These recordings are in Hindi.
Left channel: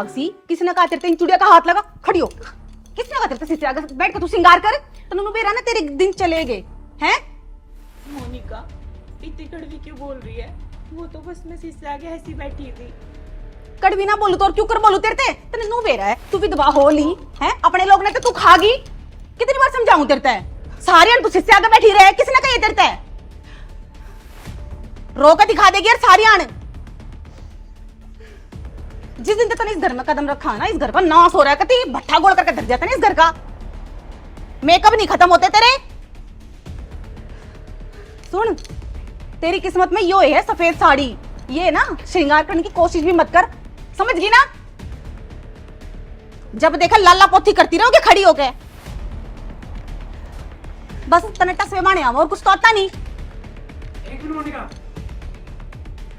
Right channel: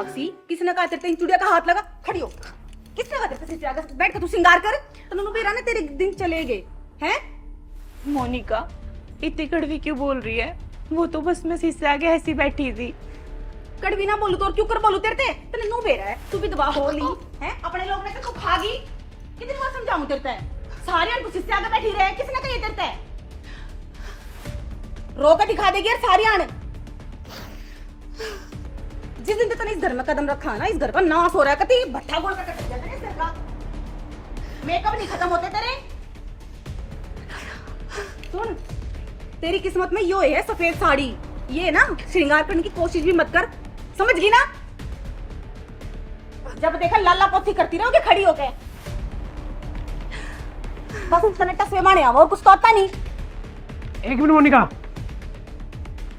दिमाग सी, किसने कहा तेरे चुड़िया का हाथ लगा? खड़ी हो। किसने कहा तेरे से आगे बैठ के तू सिंगार कर? तनु बेरा ना तेरे दिन चले गए हैं। मोनिका इतनी कड़वी क्यों बोल रही है? वो तो बस मैं शीशे आगे ऐसी बैठी थी। कड़वी ना बोलू तो और क्यों कर बोलू तेरे ते? तेरे नु बेरा है, तू विधवा हो ली है, अपने लोग ने तो तू खागी। कितनी बार समझाऊं तेरे ते? सारी अन तू शीशे आगे बैठी रहे, किसने कही तेरे ते? रोका दिखा देगी यार सारी अन। जिस दिन तक इस घर में कदम रखा ना, इस घर का नाश हो रहा है। कति भट्ठा गोल करके धर जाता ना इस घर का। मेकअप नहीं खत्म होते तेरे। सुन, तेरी किस्मत में यो है सफेद साड़ी। ये ना श्रृंगार करने की कोशिश भी मत कर, समझ गई ना? जब देखा लाला पोथी करती रहोगे खड़ी होके। बस तने टसवे माने और कुछ तो आता नहीं। एक मिनट मोनिका,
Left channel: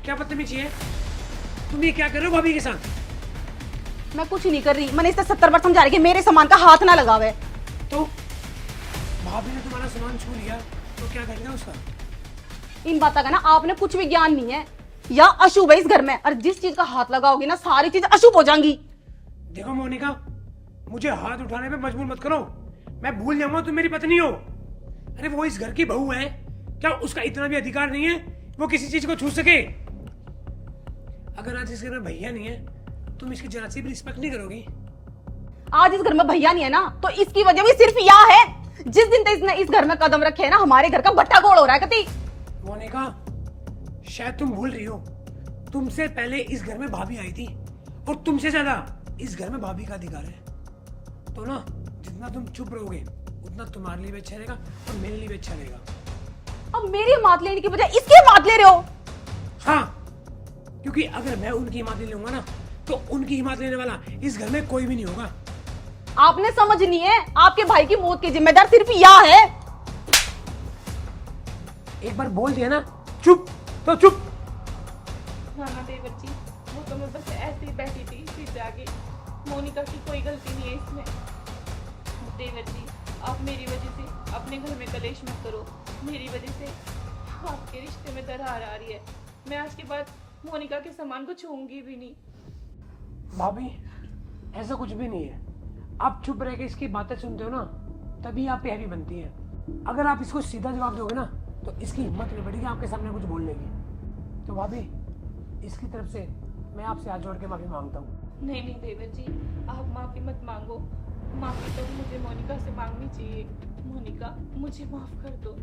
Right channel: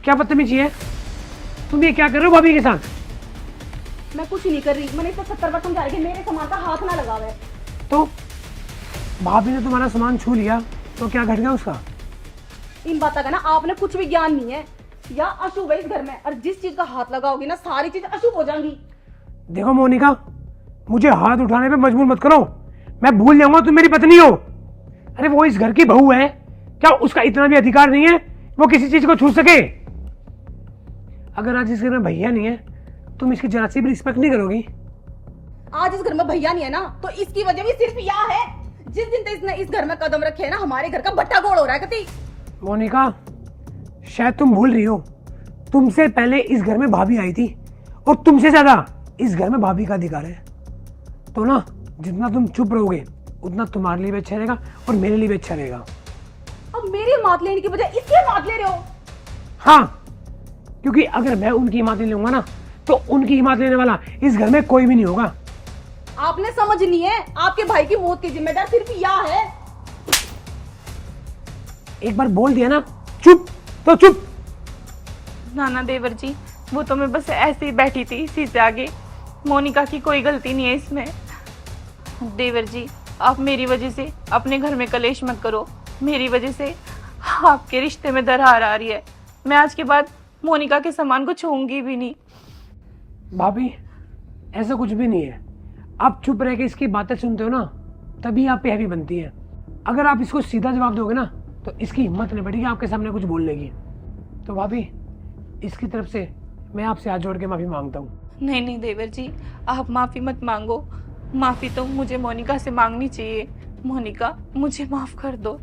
क्या बदतमीजी है? तुम ये क्या कर रहे हो भाभी के साथ? मैं कुछ नहीं कर रही, मैंने इसे 70 बार समझा रही कि मेरे सामान का हाथ ना लगावे। तो भाभी ने तुम्हारा सामान छू लिया तो क्या घट गया उसका? इन बातों का ना आपने कुछ भी ज्ञान नहीं है। या अशुभ है इस घर में, और जिस चीज का हाथ लगाओगी ना सारी चीज अशुभ हो जाएंगी। देखो मोनिका, मुझे हाथ उठाने पे मजबूर मत करो। मैं भूल जाऊंगा तुम मेरी पत्नी हो। अरे वो इस घर की बहू है, क्या उसका इतना भी अधिकार नहीं है वो किसी चीज को छू सके? अगर आज इस घर में भैया नहीं है, तुम इसकी जरा सी भी रिस्पेक्ट नहीं करोगी। आज इस घर में भैया नहीं है ना, तो इसकी वजह भी सिर्फ यह है। जिस दिन तक इसने इस घर में कदम रखे है ना, हमारे घर का भट्टा गोल हो रहा है। कति मोनिका, शायद तुम भूल रही हो, तुमसे पहले इस घर में भाभी आई थी और तुमसे ज्यादा इस घर में भाभी का अधिकार है। तो ना, जितना तुम चुप रहोगे उतना तुम्हारे लिए भी अच्छा रहेगा और मेरे लिए भी अच्छा रहेगा। अब मेरी मात लेने की बजाय इसकी मात ले रहे हो। हाँ, क्योंकि अगर मैं उनकी हिम्मत ले लूंगा ना, तो उनकी हिम्मत लेने वाला इस घर में कोई भी नहीं होगा। आपने समझनी है, आपके भाई की मौत की जिम्मेदार सिर्फ यह है। एक बार बोल दिया ना चुप तो चुप। नाना देवर जी, वो तो मैं बस ऐसे ही बैठी थी शीशे आगे। मोनिका की कोई गलती नहीं है इसमें। देवर जी, आप मेरी वजह से अपने घर में कलेश मत करो। मेरी वजह से आपके रिश्ते में दरार आ रही है। मैं आज के बाद मोनिका के सामान को छूऊंगी भी नहीं। भाभी, ऐसा कुछ भी नहीं है। आप चुप रह के इसकी बातें सुनते हो ना, तभी आप पे हैवी बनती है। अगर आप इसको सीधा जवाब दोगे ना, तो इसकी हिम्मत नहीं बढ़ेगी आपके सामने कुछ बोलने की। तो भाभी, इसकी तरफ से मैं आपसे हाथ जोड़ के माफी मांगता हूँ। नहीं नहीं देवर जी, आप माफी मत मांगो। माफी तो मुझे मोनिका से मांगनी चाहिए। मोनिका, मुझे माफ कर दो।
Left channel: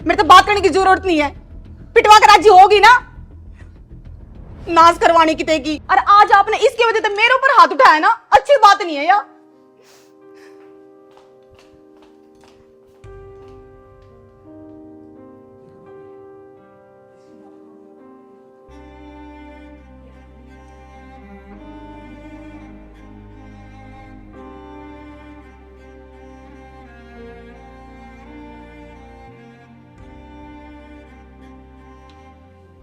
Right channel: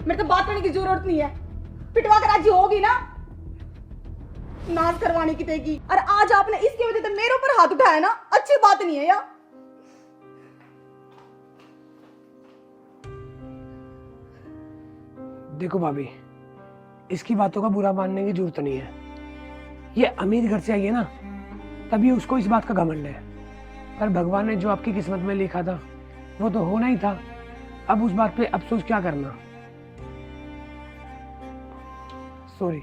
मेरे तो बात करने की जरूरत नहीं है। पिटवा कर राजी होगी ना, नाश करवाने की तेगी। और आज आपने इसकी वजह से मेरे ऊपर हाथ उठाया ना, अच्छी बात नहीं है यार। देखो भाभी, इसकी बातों का बुरा मानने की जरूरत नहीं है। ये अमीर घर से आई है ना, तभी उसको इस बात का घमंड है। पर भगवान ने जो आपकी किस्मत में लिखा था वो तो होना ही था। अब उस बात पे अफसोस क्या करना। सॉरी।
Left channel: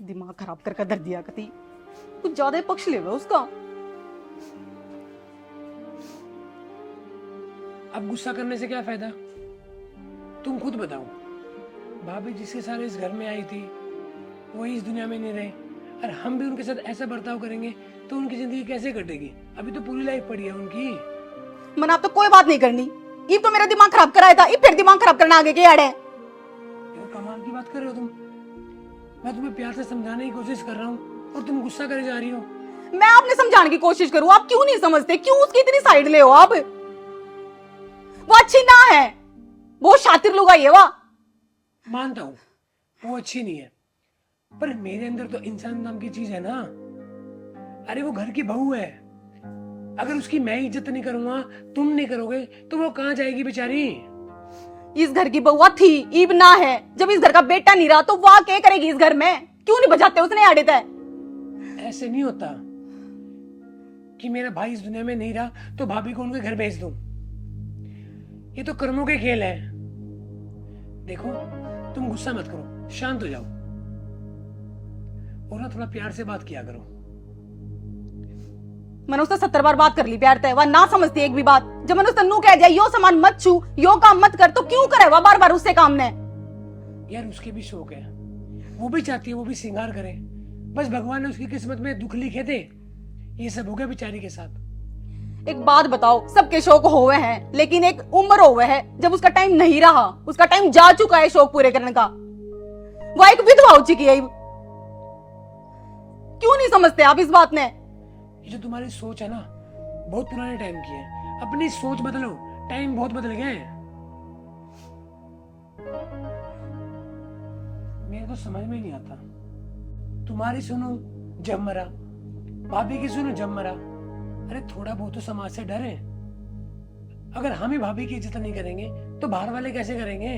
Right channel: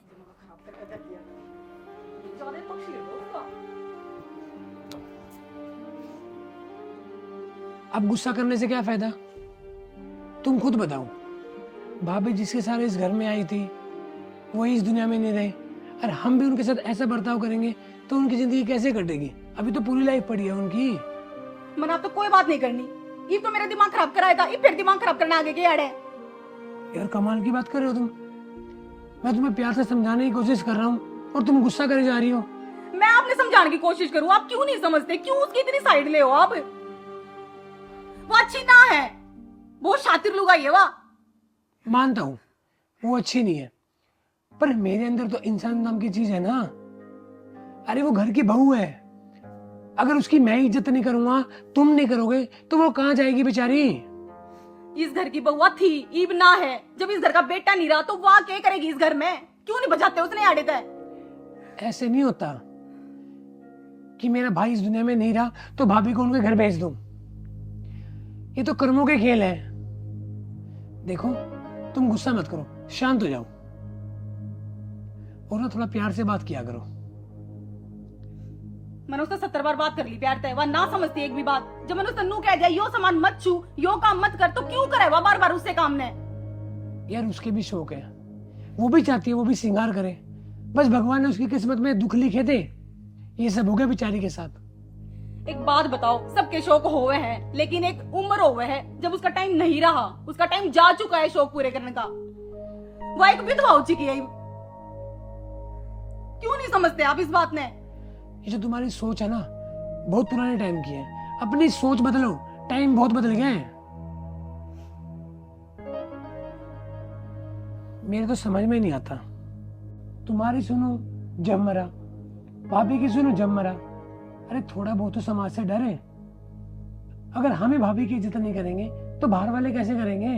दिमाग खराब करके धर दिया। कति कुछ ज्यादा ही पक्ष ले उसका। अब गुस्सा करने से क्या फायदा? तुम खुद बताओ। भाभी जिसके सारे इस घर में आई थी वही इस दुनिया में नहीं रहे, और हम भी उनके साथ ऐसा बर्ताव करेंगे तो उनकी जिंदगी कैसे कटेगी? अभी तो पूरी लाइफ पड़ी है उनकी। मैंने अब तो कोई बात नहीं करनी। ये तो मेरा दिमाग खराब कराया था, ये फिर दिमाग खराब करना आगे के आड़े। यार कमाल की बात कर रहे हो तुम। मैं तुम्हें प्यार से समझाने की कोशिश कर रहा हूँ और तुम गुस्सा करे जा रही हो। मैं आपने समझाने की कोशिश करूँ, आप क्यों नहीं समझते? क्यों उसकी इतनी साइड ले हो आप? वो अच्छी ना है, वो शातिर लोग आई है। वाह, मानता हूँ वो अच्छी नहीं है, पर मेरे अंदर तो इंसान नाम की चीज है ना। अरे वो घर की बहू है, अगर उसकी मैं इज्जत नहीं करूंगा, तुम नहीं करोगे, तो वो कहाँ जाएगी बेचारी? इस घर की बहुआ थी, ईब ना है। जब इस घर का बेटा नहीं रहा तो वह क्या करेगी इस घर में? क्यों नहीं बजाते उसने आड़े तय? ऐसे नहीं होता कि मेरा भाई इस दुनिया में नहीं रहा तो भाभी को उनके घर भेज दूं। ये तो कर्मों के खेल है। देखो, तुम गुस्सा मत करो, शांत हो जाओ और ना थोड़ा प्यार से बात किया करो। मैंने उससे 70 बार बात कर ली प्यार तय, वह ना समझती एक भी बात। जब मैंने उससे नू कह दिया यो सामान मत छू, यो काम मत कर, तो क्यों करे वह बार बार उससे काम ने? यार उसके भी शौक है, वो भी चाहती है वो भी श्रृंगार करे। बस भगवान ने उसकी किस्मत में दुख लिखे थे, ये सब हो गया बेचारी के साथ। एक बात बताओ, सबके शौक होवे हैं, लेकिन एक उम्र होवे है जब उसका टाइम नहीं रहा, उसका टाइम जा चुका है शौक पूरे करने का। वह एक विधवा हो चुकी है। क्यों नहीं समझते आप इस बात ने? ये जो तुम्हारी सोच है ना, बहुत पुराने टाइम की है। अपनी सोच बदलो, टाइम बहुत बदल गए हैं। मेरे तो समझ में नहीं आता, तुम्हारी सुनो जब मरा, भाभी की सुनो जब मरा। अरे थोड़ा बहुत तो समाज से डरे। अगर हमें भाभी की इज्जत नहीं करेंगे तो बाहर वाले कैसे करेंगे?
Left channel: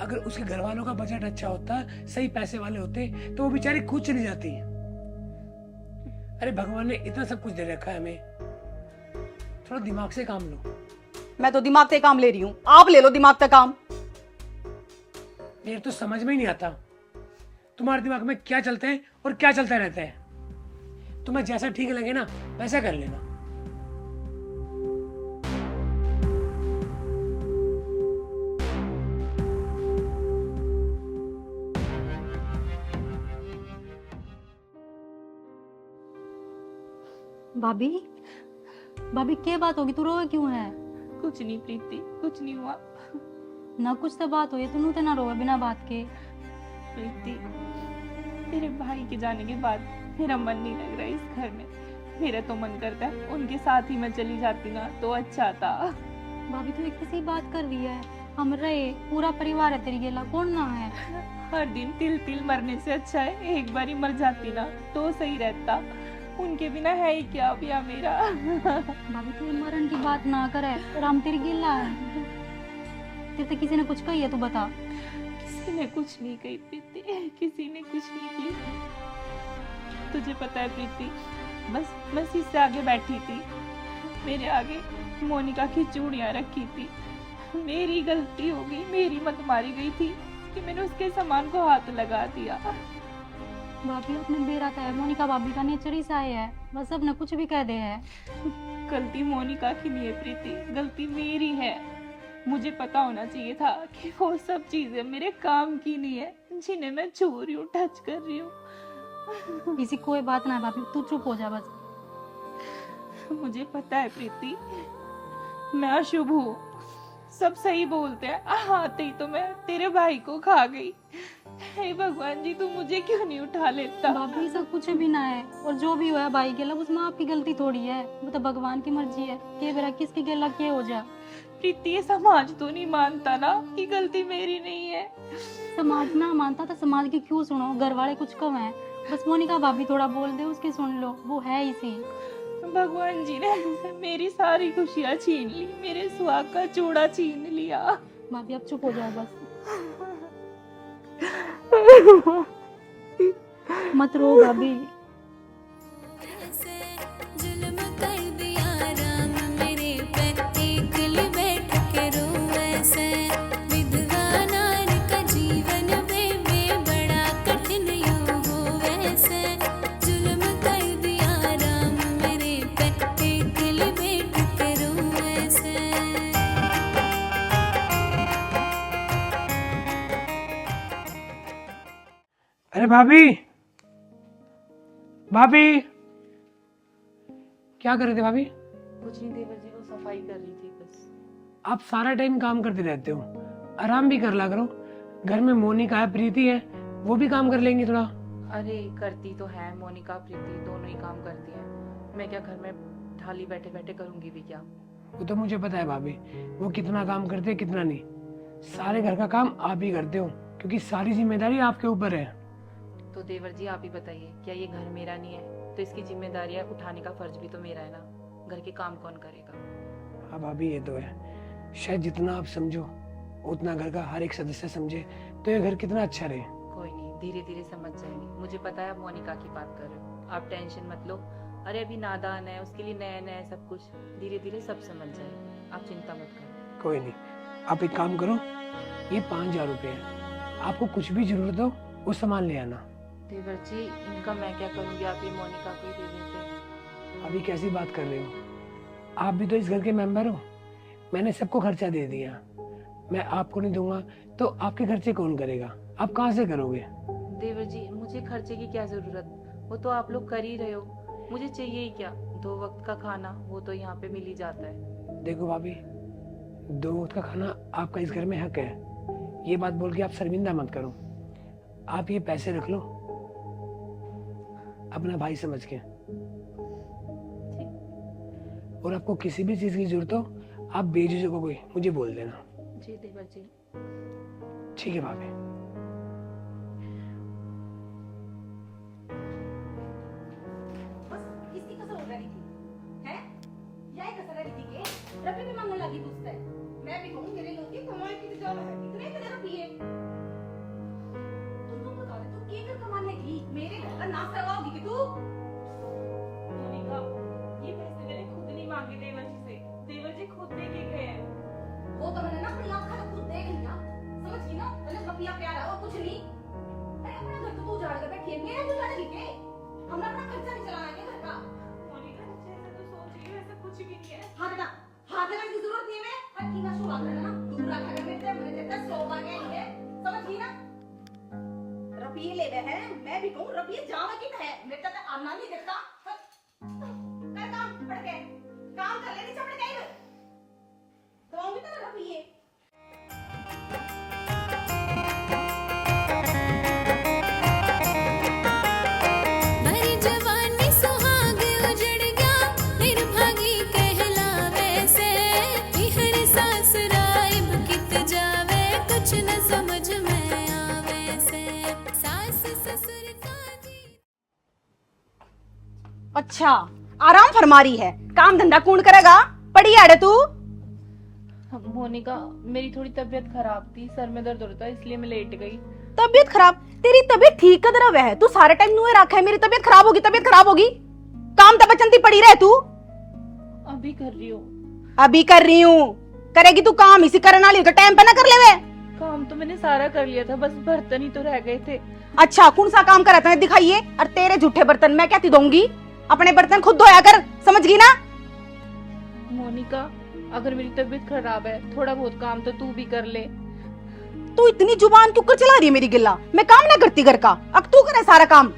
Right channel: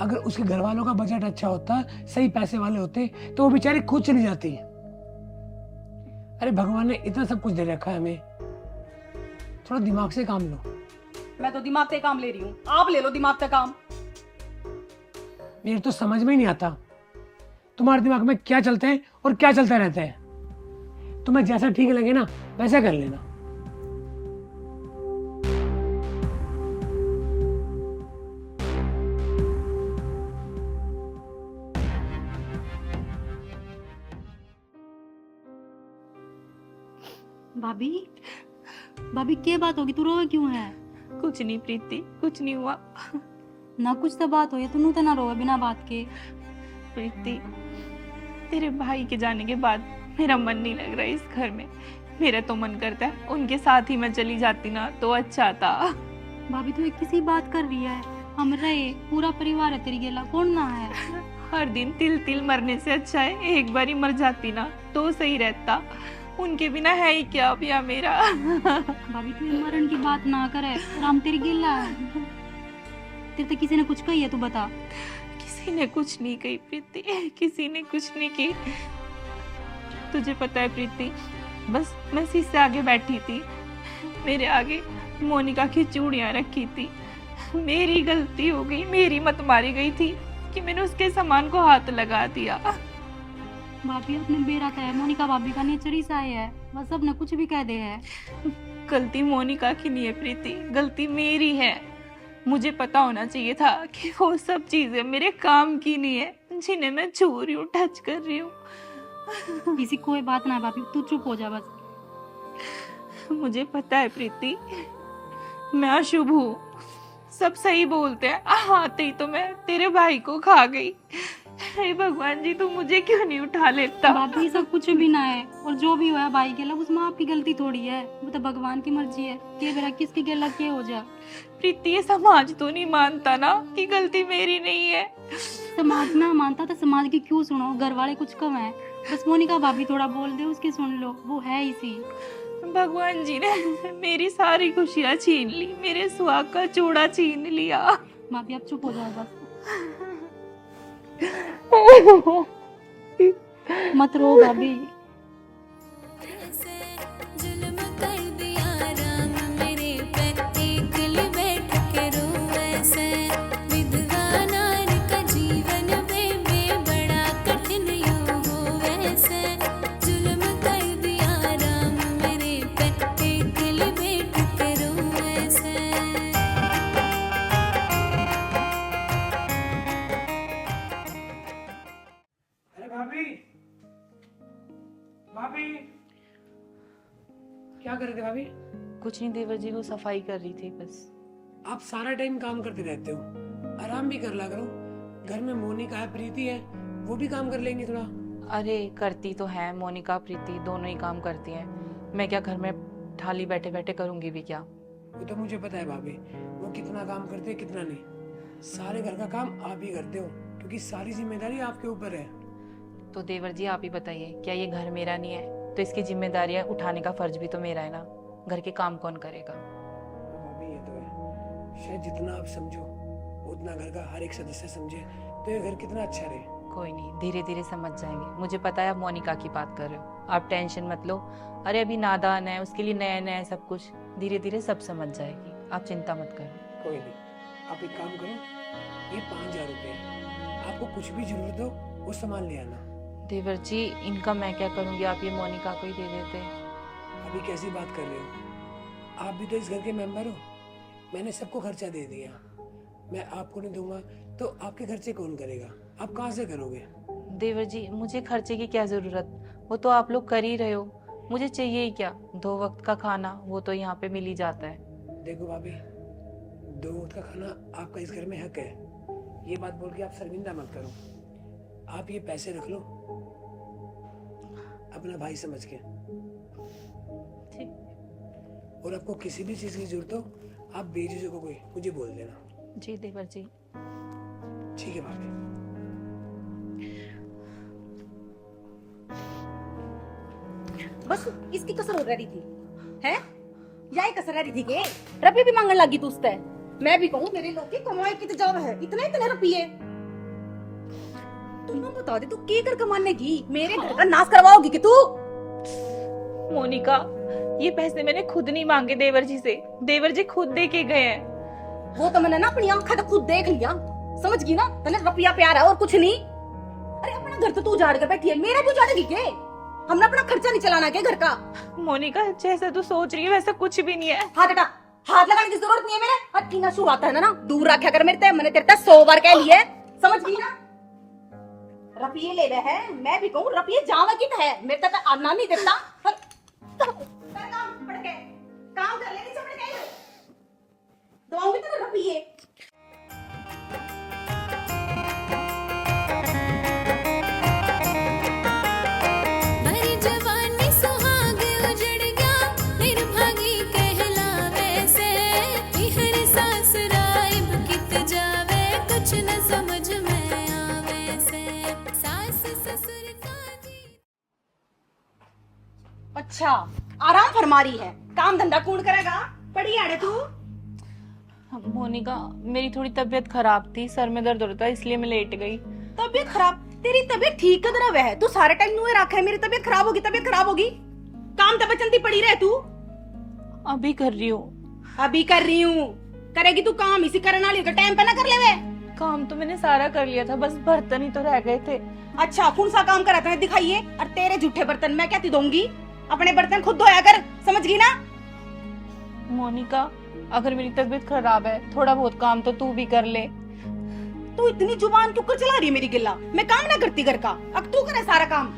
अगर उसके घर वालों का बजट अच्छा होता, सही पैसे वाले होते, तो वो बेचारी खुद चली जाती। अरे भगवान ने इतना सब कुछ दे रखा है हमें, थोड़ा दिमाग से काम लो। मैं तो दिमाग से काम ले रही हूँ, आप ले लो दिमाग का काम। मेरे तो समझ में ही नहीं आता तुम्हारे दिमाग में क्या चलता है और क्या चलता रहता है। तुम्हें जैसा ठीक लगे ना वैसा कर लेना। भाभी, भाभी क्या बात होगी? तू रोए क्यों है? कुछ नहीं प्रीति, कुछ नहीं हुआ। ना कुछ तो बात हुई, तू तो ना रोए बिना बात के। प्रीति, तेरे भाई के जाने के बाद मेरा मन नहीं लग रहा है इस घर में। मेरा तो मन करता है उनके साथ ही मैं चली जाती ना तो अच्छा था। भाभी तू एक किसी बात कर रही है? हम रहे, पूरा परिवार है तेरी गेला, कौन ना है? हर दिन तिल तिल मरने से अच्छा है एक बार ही मर जाती ना तो सही रहता। उनके बिना है ही क्या भैया मेरा। भाभी तू मरण की बात ना करे, और हम तेरी गेला है। तेरे तो किसी ने कुछ कही है तो बता। किसी ने कुछ नहीं कही प्रीति, किसी ने कुछ नहीं की। तुझे पता है प्रीति, बस मैं शीशे आगे बैठी थी, मेरे आगे मोनिका की चूड़ियां रखी थी। मेरी गलती हो गई, मेरी मत मारी गई थी कि मैंने उसके सामान को हाथ लगा दिया। भाभी अपना बेरा का है, मोनिका भाभी का नेचर ही सा है, बस अब ना कुछ भी कह दे है। गलती मोनिका की नहीं है प्रीति, गलती मेरी है। मुझे पता होना चाहिए था कि वो सब चीजें मेरे काम की नहीं है जिन्हें मैं छू रही हूँ, टच कर रही हूँ। किसी कोई बात ना भाभी, तू चुप हो जा बस। मुझे पता है प्रीति, मैं अशुभ हूँ, सब सही बोलते हैं। आते ही तो मैं तेरे भाई को खा गई। हे भगवान जी, तू मुझे क्यों नहीं उठा लेता? भाभी सब कुछ भी ना है, और जो भी हुआ भाई के लिए उसमें आपकी गलती थोड़ी है, वो तो भगवान की मर्जी है। के बेरा किसकी गला के हो जा। प्रीति, ये समाज तो नहीं मानता ना कि गलती मेरी नहीं है। समाज ना मानता तो समाज की क्यों सुनो, घर वाले कुछ कम है। बस मोनिका भाभी थोड़ा बोल दे उसकी सुन लो, वो है इसी। भगवान जी ने मेरी सारी खुशियाँ छीन ली, मेरे सुहाग का चूड़ा छीन लिया। भाभी अब चुप हो जाओ बस। मत रो भाभी। जुल्म कर दिया राम मेरे पे, एकली बैठ के रो ऐसे। विधवा नार का जीवन बेबे बड़ा कठिन यूं हो वैसे। जुल्म कर दिया राम मेरे पे, एकली बैठ के रो ऐसे। अरे भाभी, भाभी क्या कर रहे थे भाभी? कुछ नहीं देवर जी, वो सफाई कर रही थी बस। आप सारा टाइम काम करते रहते हो, आराम भी कर ला करो। घर में मोनिका है, प्रीति है, वो भी काम कर लेंगी थोड़ा। अरे करती तो है, मोनिका प्रीति दोनों ही काम करती है। मैं क्या घर में ठाली बैठे बैठे करूंगी भी क्या? वो तो मुझे पता है भाभी, वो कितना काम करते हैं कितना नहीं। सारे घर का काम आप ही करते हो, क्योंकि सारी जिम्मेदारी आपके ऊपर है। तो देवर जी आप ही बताइए, क्या ये घर मेरा नहीं है? तो इसकी जिम्मेदारियां उठाने का फर्ज भी तो मेरा है ना। घर के काम कौन करेगा? हाँ भाभी, ये तो है। शायद जितना आप समझो उतना घर का हर एक सदस्य समझे तो ये घर कितना अच्छा रहे। कोई नहीं, धीरे धीरे समझ जाएंगे। मुझे पता है आप मोनिका की बात कर रहे हो, आप टेंशन मत लो। अरे अभी नादान है, उसके लिए नया नया सब कुछ, धीरे धीरे सब समझ जाएगी, आप चिंता मत करो। कोई नहीं, आप एक काम करो, ये 5,000 रुपये है, आपको कुछ भी जरूरत हो वो सामान ले आना। देवर जी इनका मैं क्या करूँगी, आप ये मोनिका को ही दे देते। अभी कैसी बात कर रहे हो, आप भी तो इस घर के मेंबर हो। मैंने सबको खर्चा दे दिया, मैं आपको नहीं दूंगा तो आपके खर्चे कौन करेगा, आप कहाँ से करोगे? देवर जी मुझे खर्चे की क्या ज़रूरत, वो तो आप लोग कर ही रहे हो, मुझे चाहिए ही क्या, 2 वक्त का खाना वो तो यहाँ पे मिल ही जाता है। देखो भाभी, 2 वक्त का खाना आपका इस घर में हक है, ये बात बोल के आप शर्मिंदा मत करो। आप ये पैसे रख लो अपना भाई समझ के, और आपको किसी भी चीज़ की जरूरत हो आप बेझिझक हो कोई मुझे बोल देना। जी देवर जी। ठीक है भाभी। बस इसकी कसर हो रही थी है, यही कसर रही थी के रुपये भी मांगने लगी तू उससे। मैं भी कहूँ मेरे लोग की कमाई की जाव है, इतने इतने रुपये। तू ना बता दे तू के कर कमाने की, मेरे घर का नाश करवाओगी कि तू? मोनिका ये पैसे मैंने खुद नहीं मांगे देवर जी से, देवर जी खुद दे के गए हैं। वो तो मैंने ना अपनी आंखों से खुद देख लिया, समझ गई ना, तने रुपया प्यार है और कुछ नहीं। अरे अपना घर तो तू उजाड़ के बैठी है, मेरा भी उजाड़ेगी के? हमने अपना खर्चा नहीं चलाना के घर का? मोनिका जैसा तू सोच रही है वैसा कुछ भी नहीं है। हाथ हटा, हाथ लगाने की जरूरत नहीं है मेरे। अट्ठीना शू आता है ना, दूर रखा कर मेरे ते, मैंने तेरे ते 100 बार कह लिया, समझ गई ना? रुपये ले रहे हैं, मैं भी कहूँ रुपये जावा की है, मेरे तक आना नहीं देता। काम पड़ के काम कर लेनी चमड़ के दूंगी तो रुपये। मेरी जवानी सुहाग उजड़ गया, निर्भागी कहलावे से, हर सास राइब कित जावे, कुछ न समझ में आवे से, सास ससुर का जी। अच्छा आराम फरमा रही है, काम धंधा कौन करेगा? पड़ी आड़े तू। मोनिका मेरी थोड़ी तबीयत खराब थी, सर में दर्द हो रहा था इसलिए मैं लेट गई। तबीयत खराब? तेरी तबीयत ठीक कदरा वह है, तू सारे टाइम नुए रखा है मेरी तबीयत खराब होगी, तबीयत खराब होगी। काम तब बचंती पड़ी रहे तू। अभी कर रही हूँ। अभी कर रही हूँ, करेगी तू काम, इसी करना लियो तो टाइम पे ना कर लेवे। काम तो मैंने सारा कर लिया था, बस बर्तन ही तो रह गए थे। अच्छा कौन सा काम करा था दिखाइए, और तेरे झूठे बर्तन मैं कहती दूंगी, अपने बर्तन खुद धोया कर, समझ गई ना? मोनिका अगर मेरी तबीयत खराब है थोड़ा बहुत काम तो तू भी कर ले। तू इतनी जुबान क्यों कर चला रही है मेरी गिल्ला? मैं काम ना करती घर का, अब तू करे सारा काम।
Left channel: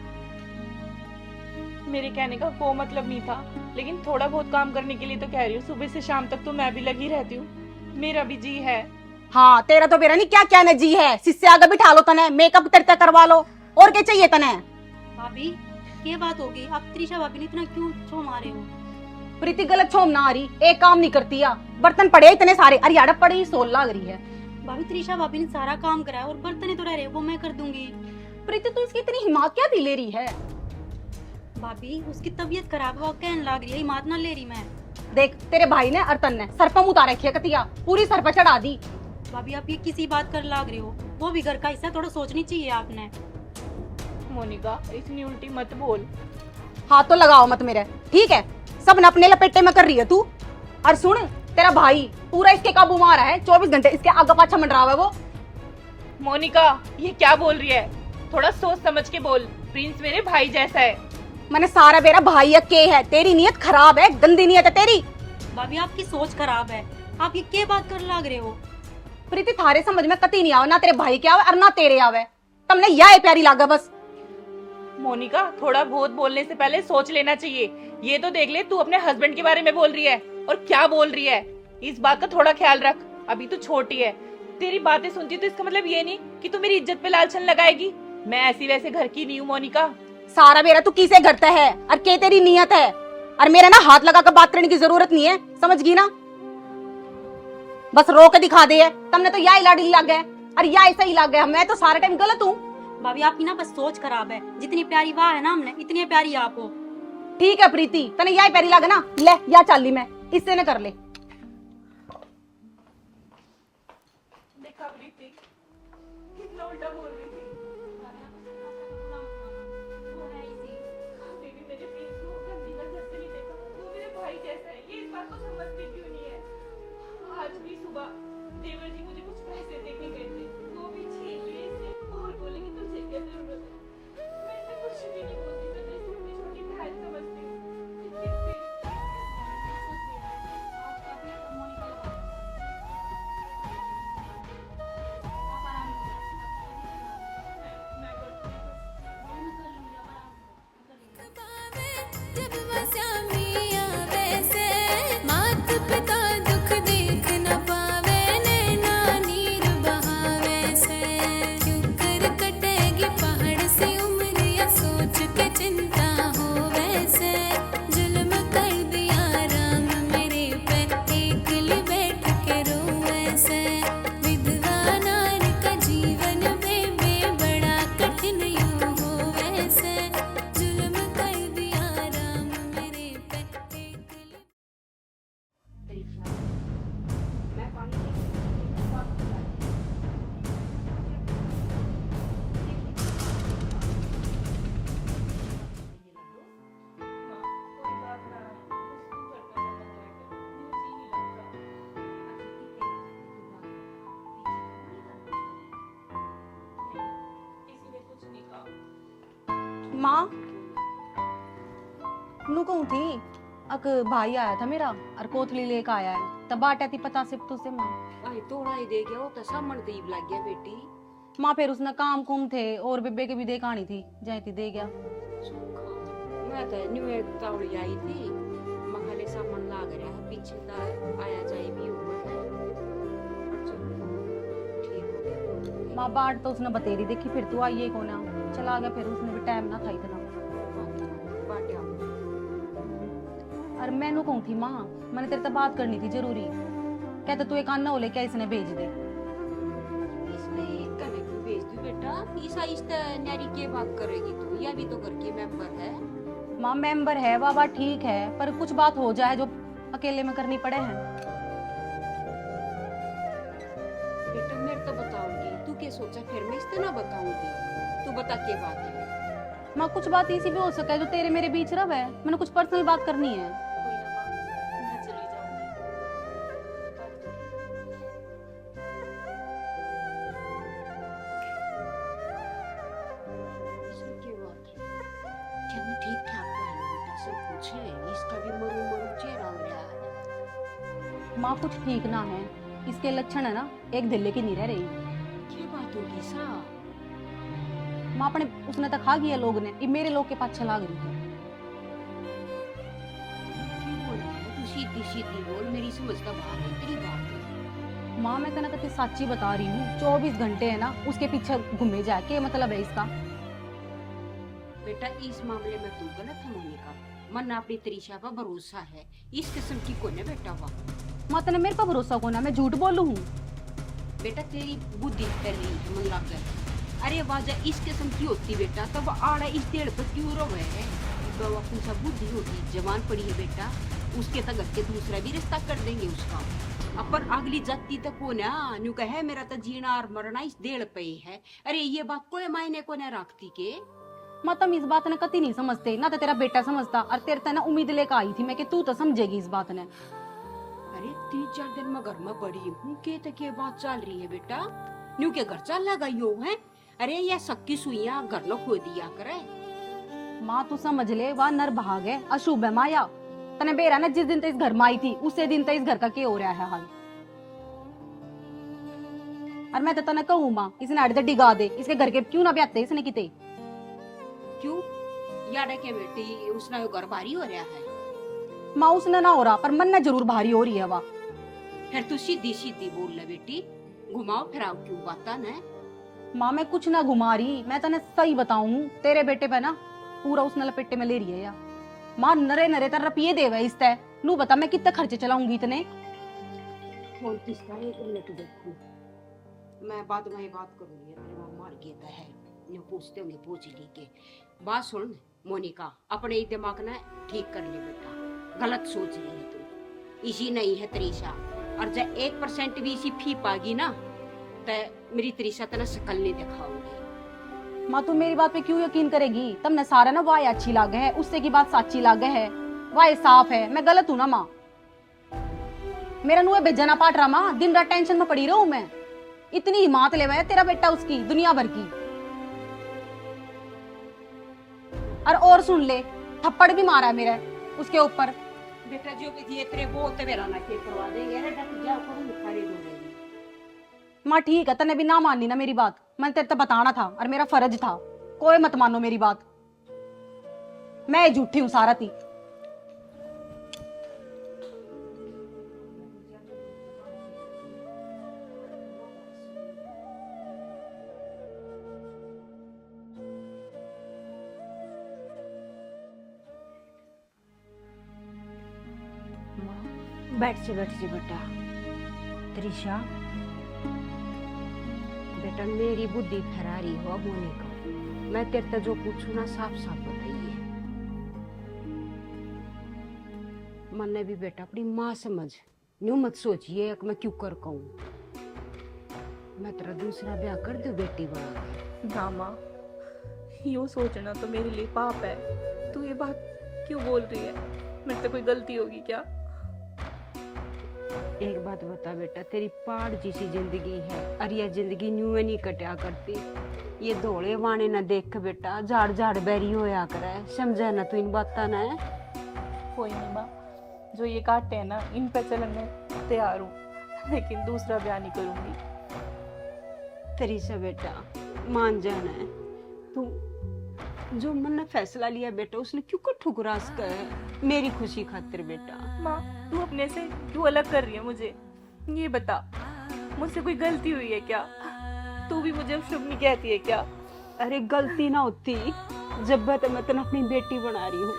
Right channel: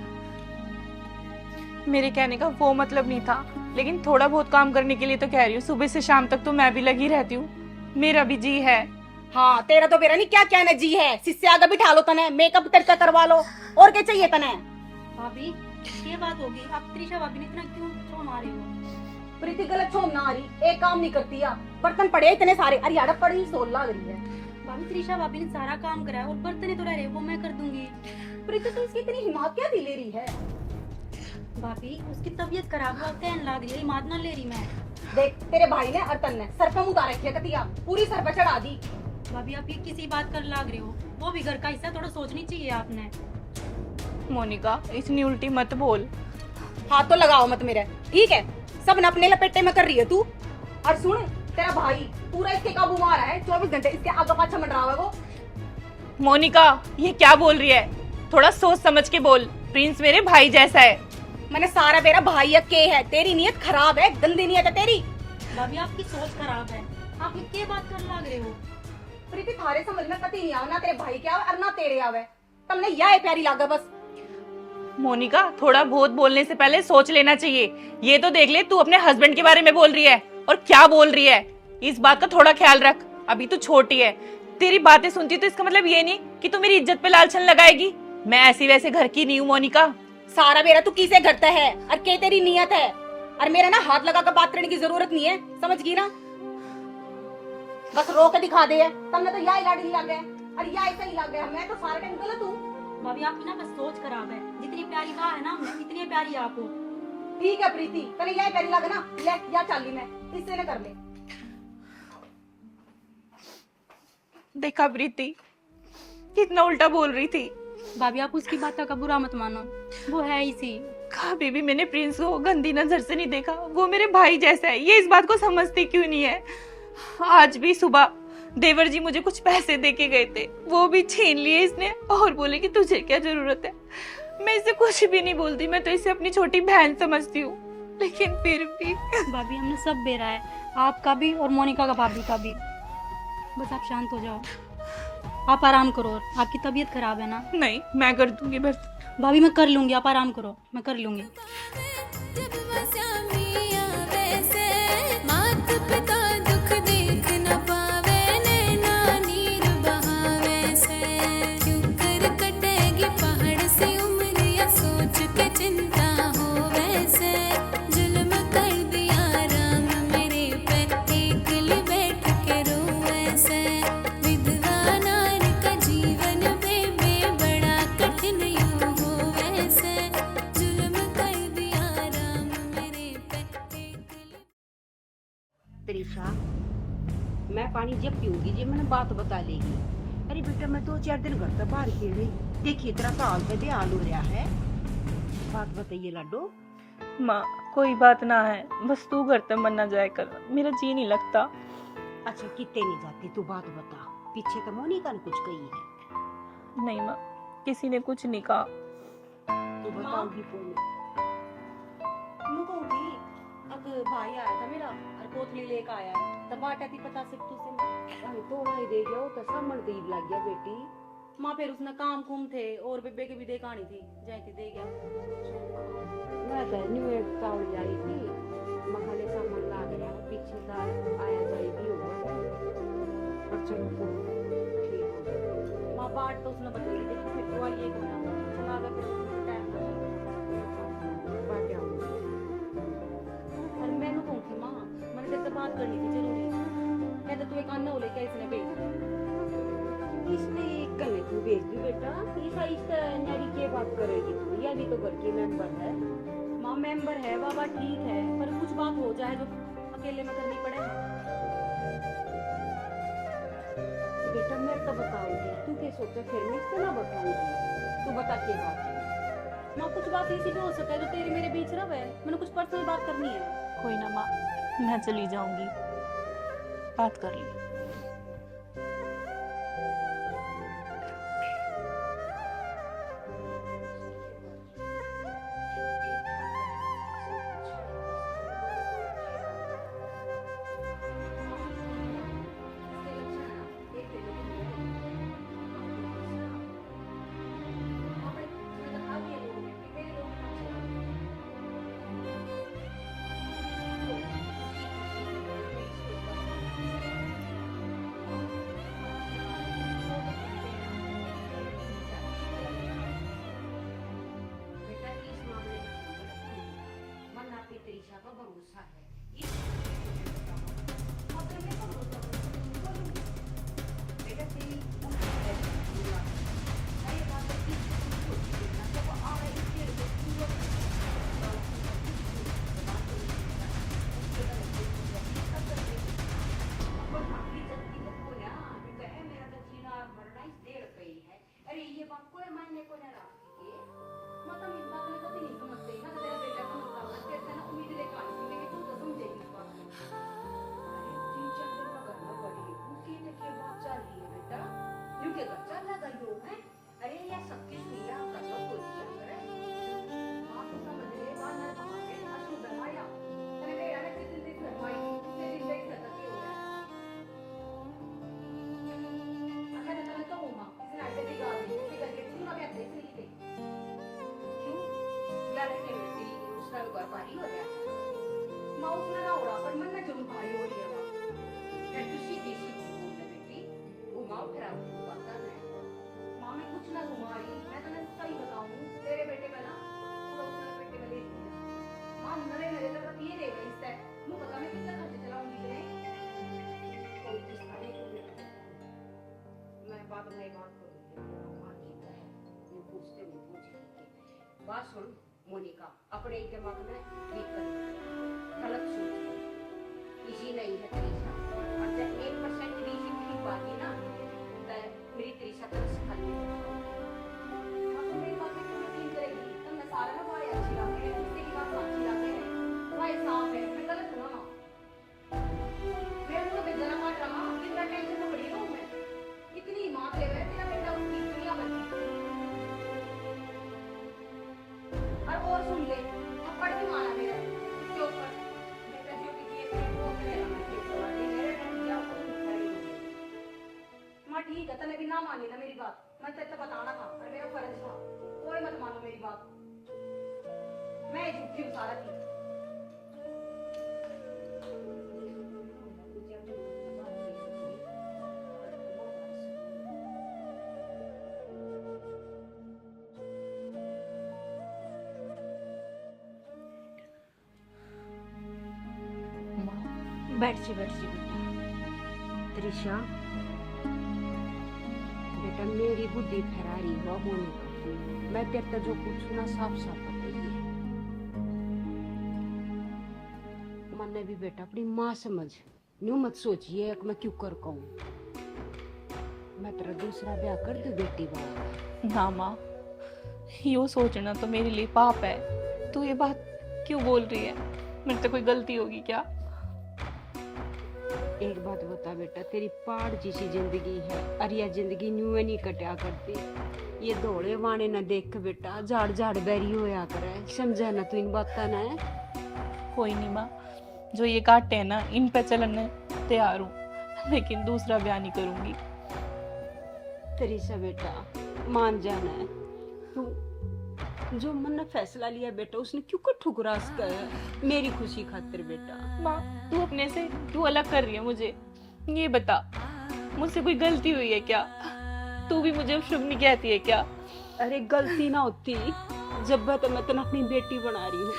मेरे कहने का वो मतलब नहीं था, लेकिन थोड़ा बहुत काम करने के लिए तो कह रही हूँ। सुबह से शाम तक तो मैं भी लगी रहती हूँ, मेरा भी जी है। हाँ तेरा तो मेरा नहीं क्या कहने जी है, शिष्य आगे बिठा लो तने, मेकअप तेरे करवा लो, और क्या चाहिए तने? भाभी ये बात होगी, आप त्रिशा भाभी ने इतना क्यों छो मारे हो? प्रीति गलत छोम ना आ रही, एक काम नहीं करती या बर्तन पड़े इतने सारे, अरे यार पड़ी सोल लग रही है। भाभी त्रिशा भाभी ने सारा काम कराया और बर्तन ही तो रह रहे, वो मैं कर दूंगी। प्रीति तो इसकी इतनी हिम्मत क्या दी ले रही है? भाभी उसकी तबीयत खराब हुआ, कहने लग रही है, हिम्मत ना ले रही मैं। देख तेरे भाई ने और तन ने सर पर उतार रखी है कतिया, पूरी सर पर चढ़ा दी। भाभी आप ये किसी बात कर लग रही हो, वो भी घर का हिस्सा, थोड़ा सोचनी चाहिए आपने। मोनिका इतनी उल्टी मत बोल। हाथ तो लगाओ मत मेरे, ठीक है? सब न अपने लपेटे में कर रही है तू। और सुन तेरा भाई पूरा इसके काबू में आ रहा है, 24 घंटे इसके आगे पाछा मंडरा हुआ है वो। मोनिका ये क्या बोल रही है, थोड़ा सोच समझ के बोल, प्रिंस मेरे भाई जैसा है। मैंने सारा मेरा भाई के है, तेरी नीयत खराब है, गंदी नीयत है तेरी। भाभी आपकी सोच खराब है, आप ये क्या बात कर लग रहे हो? प्रीति थारे समझ में कती नहीं आवे, ना तेरे भाई के आवे और ना तेरे आवे, तुमने यह प्यारी लागा बस। मोनिका थोड़ा बहुत बोलने से पहले सोच लेना चाहिए। ये तो देख ले तू अपने हस्बैंड के बारे में बोल रही है और क्या बोल रही है, इस बात का थोड़ा ख्याल रख, अभी तू छोटी है। तेरी बातें सुनती तो इसका मतलब ये नहीं कि तू मेरी इज्जत पे लालछन लगाएगी। मैं ऐसी वैसे घर की नहीं हूँ मोनिका। सारा मेरा तू किसे करता है और के तेरी नीयत है, और मेरा ना हाथ लगा कर बात करने की जरूरत नहीं है, समझ गई ना? बस रो के दिखा दे है, तुमने तो यही लाड़ी लग गए और यही सही लग गया, मैं तो सारा टाइम गलत हूँ। भाभी आपकी ना बस सोच खराब है, जितनी प्यारी वाह है ना हमने, इतनी प्यारी आप हो। ठीक है प्रीति, तने यही प्यारी लगे ना, ले या चाली मैं इससे न कर ले। देखा प्रीति कितना उल्टा बोल रही थी। भाभी आप उसकी बात का बुरा मत मानो, वो है इसी। कभी भी मैंने प्रिंस को गंदी नजर से नहीं देखा, वो मेरे भाई जैसा है, ये इस बात को समझती क्यों नहीं है? आज भी सुबह देवर जी मुझे कुछ पैसे दे के गए थे, वो भी छीन लिए इसने और बोले कि तुझे क्या जरूरत है। मैं इसे कुछ भी नहीं बोलती, मैं तो इसे अपनी छोटी बहन समझती हूँ, लेकिन फिर भी भाभी हमने सब बेरा है, आपका भी और मोनिका का भाभी का भी। बस आप शांत हो जाओ, आप आराम करो। आपकी तबीयत खराब है ना नहीं, मैं कर दूंगी बस। भाभी, मैं कर लूंगी, आप आराम करो, मैं कर लूंगी। जब वसा मिया वैसे मात पिता दुख देख न पावे नैना नीर बहावे से क्यों कर कटेगी पहाड़ से उम्र या सोच के चिंता हो वैसे जुल्म कर दिया राम मेरे पे एकली बैठ के रो वैसे विधवा नार का जीवन बेबे बड़ा कठिन यूं हो वैसे जुल्म कर दिया राम मेरे पे एकली। त्रिशा, मैं पानी जब पीऊंगी जी मैंने बात बता लेगी। अरे बेटा मैं 2-4 दिन घर से बाहर खेले देखिए इतना काल में भी आलू रहा है। बात बताइए लाडो। माँ कोई बात ना है, बस तू घर तक मन ना जाए कर, मेरा जी नहीं लगता। अच्छा कितने नहीं जाती तू बात बता, पीछे तो मोनिका ने कुछ कही है। नहीं माँ, किसी ने कुछ नहीं कहा। तू माँ? बताओगी कौन? नू कहूँ थी अक भाई आया था मेरा और कोथली लेके आया है, तब बाटा थी पता सिर्फ तुझसे माँ। आई तोड़ा ही दे गया वो तो सामन करीब लग गया बेटी। माँ फिर उसने काम कुम थे और बेबे के भी दे कहानी थी, जय थी दे गया। मैं तो न्यू तावड़ी आई थी मखाले सामान लाग रहा है पीछे ला आया जाए भी हुआ है और चलो ठीक हो गया। माँ बाट तो उसने बतेरी देखी, फिर तू आइए को ना चला गया, फिर उसने भी टाइम ना था इतना। बाटे आओ। और मैंने कहूँ थी माँ, मैंने तेरे से बात करनी थी जरूरी। कहते तू एक अन्ना हो ले क्या इसने भेज दे। इसने कल तू भेज दू बेटा, इस आहिस्ता नारी के बात करेगी तू, या भी तो घर के मेंबर है। माँ मेंबर है बाबा ठीक है, पर कुछ बात हो जाए जो अकेले में करनी पड़े है। बेटा मेरे तो बताऊंगी, तू क्या सोचा फिर मैं इससे ना बताऊंगी, तू बता क्या बात है। माँ कुछ बात इसी भी हो सका है जो तेरे मेरे बीच रह है, मैंने कुछ पर्सनल बात करनी है। कोई ना माँ, मैं चली जाऊंगी, बात कर ली। इसकी क्या बात है? क्या मैं ठीक ठाक है? सब कुछ है, इसका भी मरू मरू चेहरा हो रहा है। माँ कुछ ठीक ना है, इसके लक्षण है ना एक दिल्ली की नहीं रह रही। क्या बात होगी सा? माँ अपने उसने तो खा गया लोग ने, ये मेरे लोग के पास चला गई। तू सीधी सीधी बोल, मेरी समझ का बात है तेरी बात। माँ मैं कहना तो सच्ची बता रही हूँ, 24 घंटे है ना उसके पीछे घूमे जाए, क्या मतलब है इसका। बेटा इस मामले में तू गलत है मोनिका, मन अपनी त्रिशा पर भरोसा है, इस किस्म की कोने बेटा बाबा। माँ तने मेरे पर भरोसा को ना, मैं झूठ बोलूँ हूँ। बेटा तेरी बुद्धि तेरी मुल्ला कर, अरे वाजा इस किस्म की होती बेटा तब आड़ा इस डेढ़ पर क्यों रो गए है। तो अपनी सब बुद्धि होती जवान पड़ी है बेटा, उसके तक के दूसरा भी रिश्ता कर देंगे उसका। अपन अगली जाति तक को ना न्यू कहे मेरा तो जीना और मरना इस डेढ़ पे ही है। अरे ये बात कोई मायने को ना रखती के। माँ तुम इस बात ने कति नहीं समझते ना, तो तेरा बेटा समझता, और तेरे से ना उम्मीद लेकर आई थी मैं कि तू तो समझेगी इस बात ने। अरे 3-4 दिन में घर में पड़ी हूँ के तक ये बात चल रही है बेटा, न्यू के घर चल लगा यो है। अरे ये सक्की सुइया घर लो खो दिया करे। माँ तू समझ ले, वह नर भाग है, अशुभ है माया। तने बेरा ना जिस दिन ते इस घर में आई थी उसी दिन ते इस घर का क्या हो रहा है हाल। और मैं तो तने कहूँ माँ, इसने आड़े डिगा दे, इसके घर के क्यों ना ब्याते इसने किते। क्यों यार के बेटी उसका घर भारी हो रहा है। माँ उसने ना हो रहा, पर मन ना जरूर भारी हो रही है वह। फिर तू सीधी सीधी बोल ले बेटी, घुमाओ फिराओ क्यों बाता न। माँ मैं कुछ ना घुमा रही, मैं तने सही बताऊं, तेरे बेटे पे ना पूरा उसने लपेटे में ले रही है यार। माँ नरे नरे तर रपिए देवे इस तय नू बता मैं कितने खर्चे चलाऊंगी इतने। फोन किसका है, 1 मिनट देखो मैं बाद में बात करूंगी। अपने मार गेता है ये पूछते नहीं पूछ ली के बात सुन मोनिका, अपने दिमाग ने ठीक कर ले बेटा, गलत सोच रही तू। इसी नहीं है त्रिशा, और जब 1% भी इसी फी पागी ना तो मेरी त्रिशा तना शकल नहीं दिखाओगी। माँ तू मेरी बात पे क्यों यकीन करेगी, तुमने सारा ना वाय अच्छी लागे है, उससे की बात सच्ची लागे है, वाय साफ है, मैं गलत हूँ ना माँ। मेरा नुए बेजा ना पाट रहा माँ, दिन रात टेंशन में पड़ी रहूं मैं। इतनी हिम्मत ले है तेरा बेटा उसकी दुनिया भर की। और सुन ले, थप्पड़ भी मारा मेरा उसके ऊपर। बेटा जो भी दिए तेरे को ते मेरा ना ठीक करवा देंगे रे क्या करूं खड़ी माँ ठीक है, तने भी ना माननी ना मेरी बात, मैंने तेरे तो बताना था और मेरा फर्ज था। कोई मत मानो मेरी बात, मैं झूठी हूँ सारा थी। बैठ जा बेटा। त्रिशा बेटा मेरी बुद्धि फरारी हो होने का, मैं तेरे से जो पूछूं ना साफ साफ बताइए। मन ने भी बेटा अपनी माँ समझ, न्यू मत सोचिए कि मैं क्यों कर कहूँ। मैं तेरा दूसरा ब्याह कर दूं बेटी बाबा। ना माँ, यूँ सोचना तो मेरे लिए पाप है। तू ये बात क्यों बोल रही है? मेरे से कोई गलती होगी क्या? एक बात बता बेटा, तेरी पहाड़ जैसी जिंदगी है और यह जिंदगी न्यू नहीं कटा करती। ये दौड़े वाने ना देख के बेटा झाड़ झाड़ बैरी होया करे, समझा ना तू इन बाता ना। कोई नहीं माँ, जो ये काटे हैं ना इन पे चलने तैयार हूँ, लेकिन दूसरा ब्याह नहीं करूंगी। तेरी से बेटा मान जाना है तू, जो मन ने फैसला लिया बेटा उसने क्यों को ठुकरास कर मेरी खुशी खातिर बेटा। माँ, तू अपने से क्यों अलग कर रही है मुझे? ये बता, मुझसे कोई गलती हुई है क्या? तू भी मुझे शुभ नहीं कहती है क्या? अरे गलती ना होती जब तो मैं तेने अपनी बेटी बना रही हूँ।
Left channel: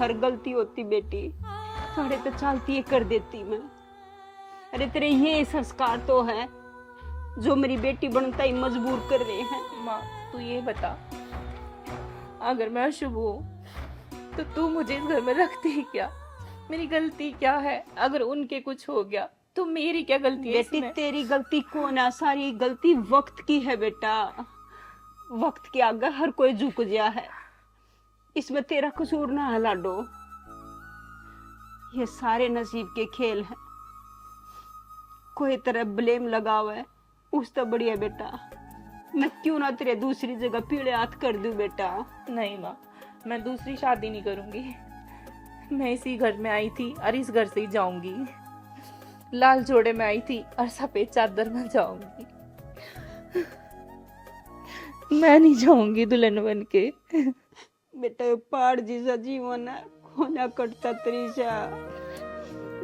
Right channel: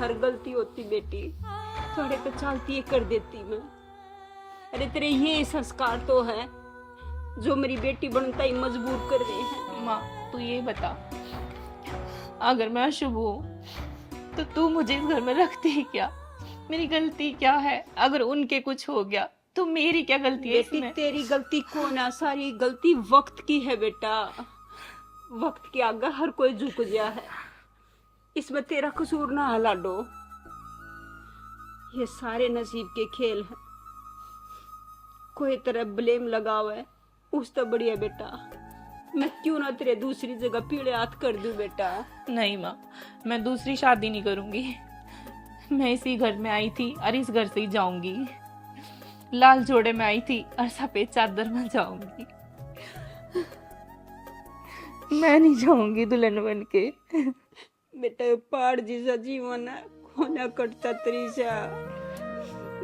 हर गलती होती बेटी, थोड़े तो चालती है कर देती मैं। अरे तेरे ये संस्कार तो है जो मेरी बेटी बनता ही मजबूर कर रहे हैं। माँ, तू ये बता, अगर मैं अशुभ हूँ तो तू मुझे इस घर में रखती है क्या? मेरी गलती क्या है? अगर उनके कुछ हो गया तो मेरी क्या गलती है बेटी इसमें? तेरी गलती कौन है? सारी गलती वक्त की है बेटा। वक्त के आगे हर कोई झुक गया है, इसमें तेरा कसूर ना है लाडो। ये सारे नसीब के खेल हैं, कोई तरह ब्लेम लगावे उस तो बढ़िया बेटा। मैं क्यों ना तेरे दूसरी जगह पीड़े हाथ कर दूं बेटा। नहीं माँ, मैं दूसरी शादी नहीं करूंगी। मैं इसी घर में आई थी और इस घर से ही जाऊंगी। लाल जोड़े में आई थी और सफेद चादर में जाऊंगी। मैं नहीं जाऊंगी दुल्हन बन के। बेटा ये पहाड़ जैसा जीवन है, खोना कटता त्रिशा।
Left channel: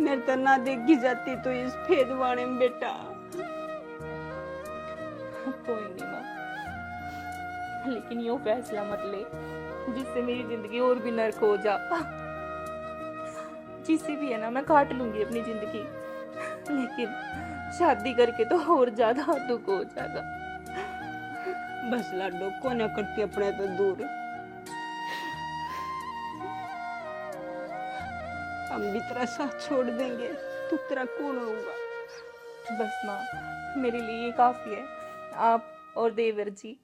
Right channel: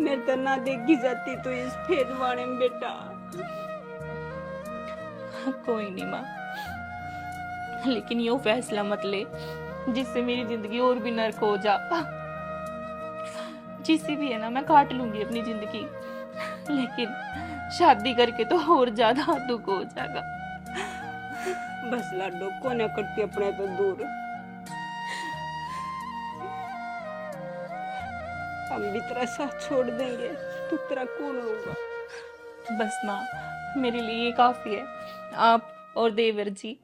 मैं तो ना देखी जाती तो इस फेदवाने में बेटा। कोई नहीं माँ, लेकिन यो फैसला मत ले जिससे मेरी जिंदगी और भी नर्क हो जा। जिससे भी है ना मैं काट लूंगी अपनी जिंदगी, लेकिन शादी करके तो और ज्यादा दुख हो जाएगा। बस लाडो कोना करती अपने तो दूर। हम भी तेरा साथ छोड़ देंगे तो तेरा कौन होगा? बस माँ, मेरे लिए ये काफी है। आप और देवर जी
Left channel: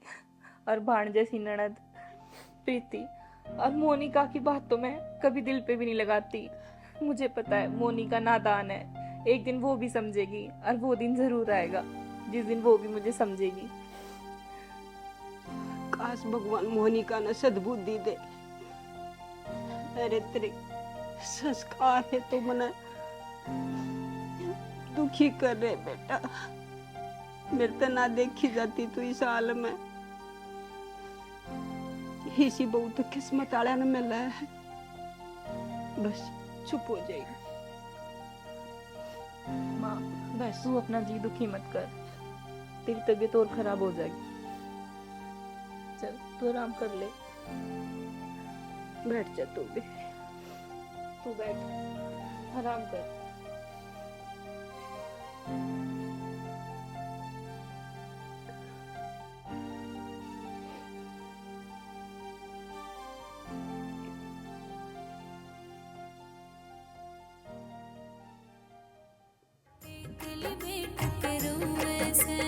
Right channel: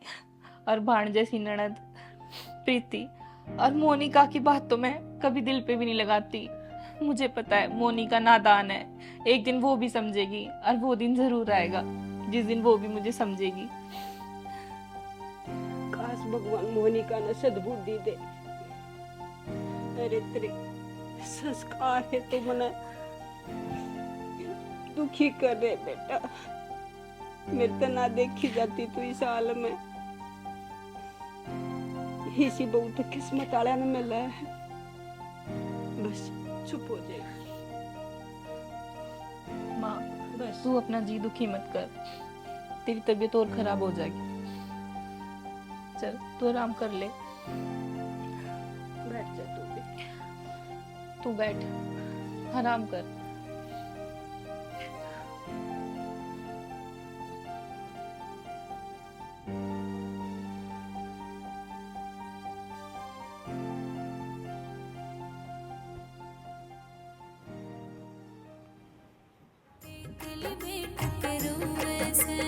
और भाण जैसी ननद प्रीति और मोनिका की बात तो मैं कभी दिल पे भी नहीं लगाती। मुझे पता है मोनिका नादान है, एक दिन वो भी समझेगी और वो दिन जरूर आएगा जिस दिन वो भी मुझे समझेगी। काश भगवान मोनिका ने सद्बुद्धि दे। अरे तेरे संस्कार है तो मने दुखी कर रहे बेटा। मेरे तो ना देखी जाती तू इस हाल में। इसी बहुत किस्मत वाला ने मिला है। बस चुप हो जाएगी। माँ, बस तू अपना जी दुखी मत कर, तेरी तबीयत और खराब हो जाएगी। चल तू आराम कर ले। बैठ जा तू भी। तू बैठ, आराम कर। दिल बैठ के रोए से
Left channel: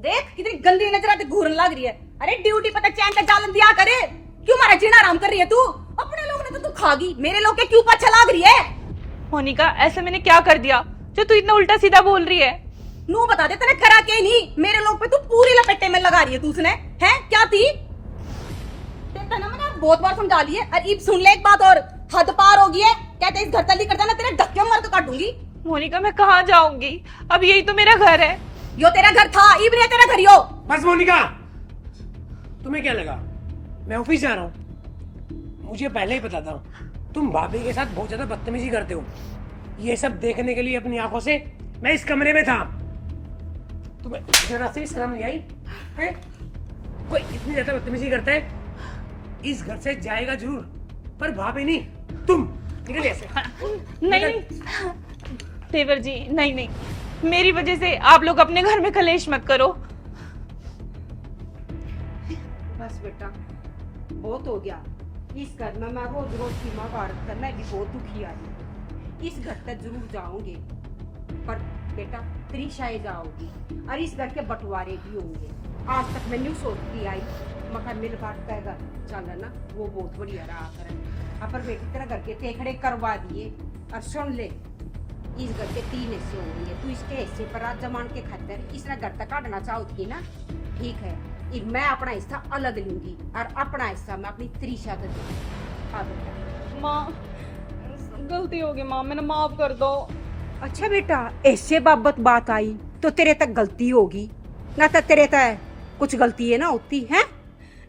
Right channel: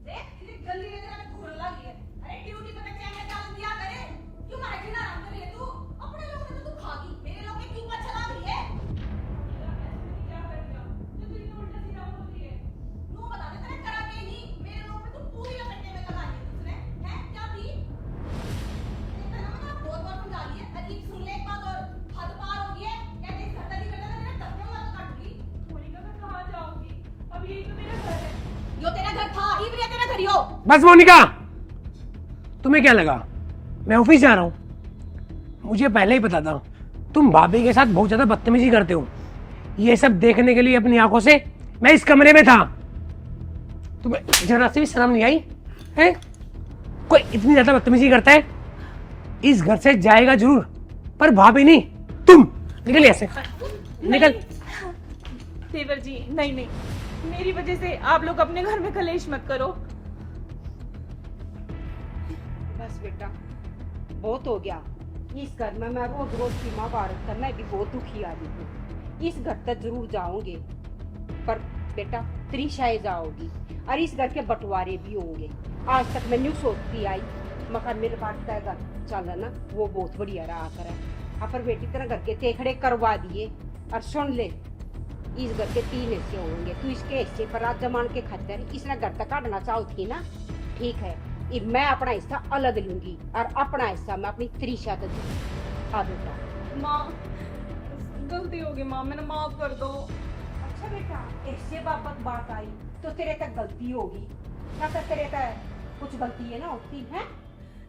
देख कितनी गंदी नजर आती घूरने लग रही है। अरे ड्यूटी पता चैन का जालन दिया करे, क्यों मारा जीना आराम कर रही है तू? अपने लोग ने तो तू खागी, मेरे लोग के क्यों पाछा लाग रही है? मोनिका ऐसे मैंने क्या कर दिया जो तू इतना उल्टा सीधा बोल रही है? नू बता दे तेने करा के नहीं, मेरे लोग पे तू पूरी लपेटे में लगा रही है तू। उसने है क्या थी? देखता ना मैंने बहुत बार समझा ली है। अरे इब सुन ले एक बात और, हद पार हो गई है। कहते इस घर तली कर जाना, तेरे धक्के मार के काटूंगी। मोनिका मैं कहाँ जाऊंगी? अब यही तो मेरा घर है। यो तेरा घर था, इब नहीं तेरा घर यो। बस मोनिका, तुम्हें क्या लगा मैं ऑफिस जा रहा हूँ? मुझे पहले ही पता था तुम भाभी के साथ बहुत ज्यादा बदतमीजी करते हो। ये सब देखने के लिए अपनी आंखों से मैं इस कमरे में था। तुम्हें जरा से भी शर्म नहीं आई है? कोई इतनी ज्यादा बदतमीजी करता है इस घर से जाएगा जरूर, पर भाभी नहीं। तुम निकल ऐसे, निकल। देवर जी नहीं नहीं, मेरी वजह से आप लोग अपने घर में कलेश मत करो। बस बेटा बहुत हो गया। इस घर में मैं रोज रोज सीमा पार करना भी बहुत दुखी आ रही हूँ। इस घर तक जरूर जाओगे, पर बेटा त्रिशाए जाओगी और इस घर के बंटवारे भी होंगे। आज तक मैं न्यू सोचती आई मगर मेरे बात का घर चल ना वो बहुत बढ़िया रहा कर अपन बेटी तरह घर के तेखड़े करवा दिए। और सुन ले, इस घर के 3 हिस्से होंगे, तू इसके हिस्से पर रात जमान के खातर इसने घर तक काटना चाहती ना, ठीक है। अब मैं अपना हिस्सा अलग लूंगी और अपना हिस्सा मैं अपनी त्रिशा दे दूंगी। आगे माँ गलती हो गई माँ, मैंने माफ कर दो। अच्छा बेटा, ऐसे बाबत बात आई तो तेरे तक गलती होगी ना, तो तेरे तक कुछ गलती है ना होती है।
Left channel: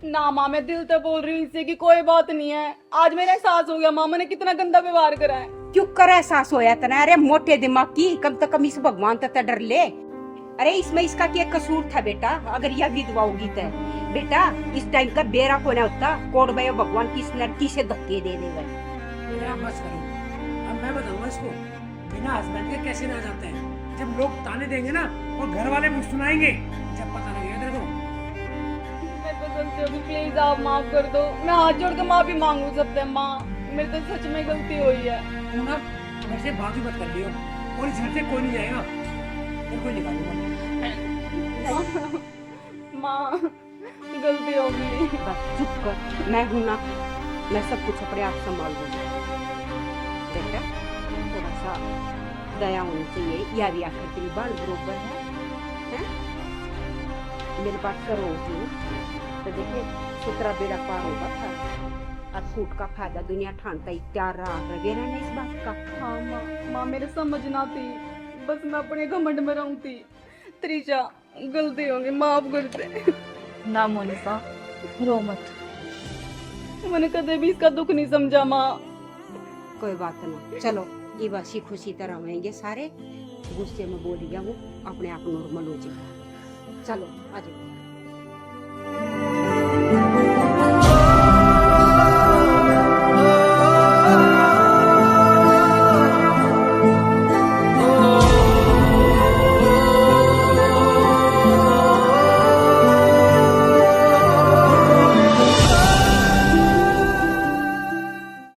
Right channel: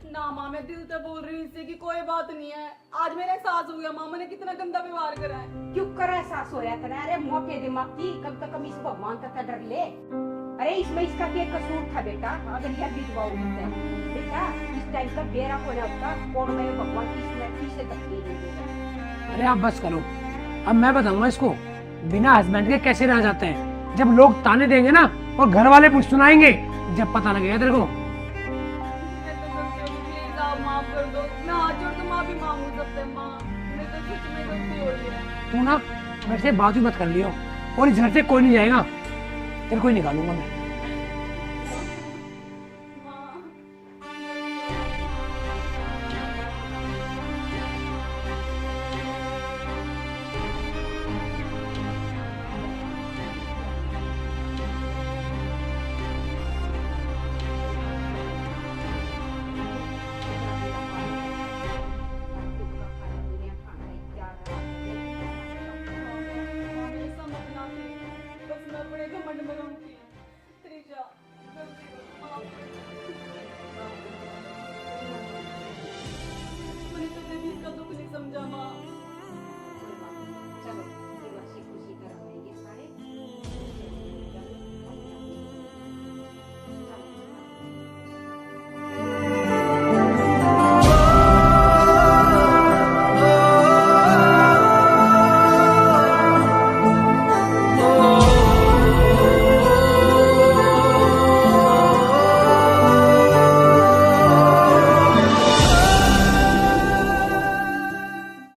ना माँ मैं दिल से बोल रही हूँ, इससे की कोई बात नहीं है। आज मेरा एहसास हो गया माँ, मैंने कितना गंदा व्यवहार करा है। क्यों कर एहसास होया तना? अरे मोटे दिमाग की, कम से कम इस भगवान तक डर ले। अरे इसमें इसका क्या कसूर था बेटा? अगर यह विधवा होगी तो बेटा इस टाइम का बेरा को ना होता कोड भैया भगवान की इस लड़की से धक्के दे देगा। अरे आप बस करो, अब मैं बताऊंगा इसको बिना हस्बैंड के कैसे रह जाते हैं। जब लोग ताने देंगे ना और घर वाले कुछ सुनाएंगे, जब पता लगेगा तेरे को। प्लीज आप माफ कर दो, मैं हाथ जोड़ के माफी मांगू सबसे। माँ मेरे से सच में गलती हुई है। तू ना मेरे से बात ही मत कर लियो, और इस घर से कोई नहीं जाएगा, तेरे को ही निकालूंगा मैं। माँ गलती हो गई। चुप कर, मैं हूं ना, मैं सब कुछ अपने आप संभाल लूंगी। बेटा थोड़ा सा दया होनी चाहिए, याद याद तेरी बाल बरोबर है, हैं? मेरी बात करो होती तो देखिए सुतरा बेड़ा पार होगा था। और फूट का फायदा दुनिया ठानता इत्यार रहा है नहीं इस बात का। हाँ माँ मेरे समझना थी, बस मैं अपने घमंड में रहूं थी। त्रिशा गलती होगी, माफ कर दे। ना मोनिका रो मत। मैंने कभी भी इसका दुख नहीं समझा माँ। कोई बात नहीं, चलो ये बस खुशी तरह रहेंगे सारे। गुस्से में बोल गया वो अपने आप नॉर्मल हो जाएगा। चलो आ जाओ।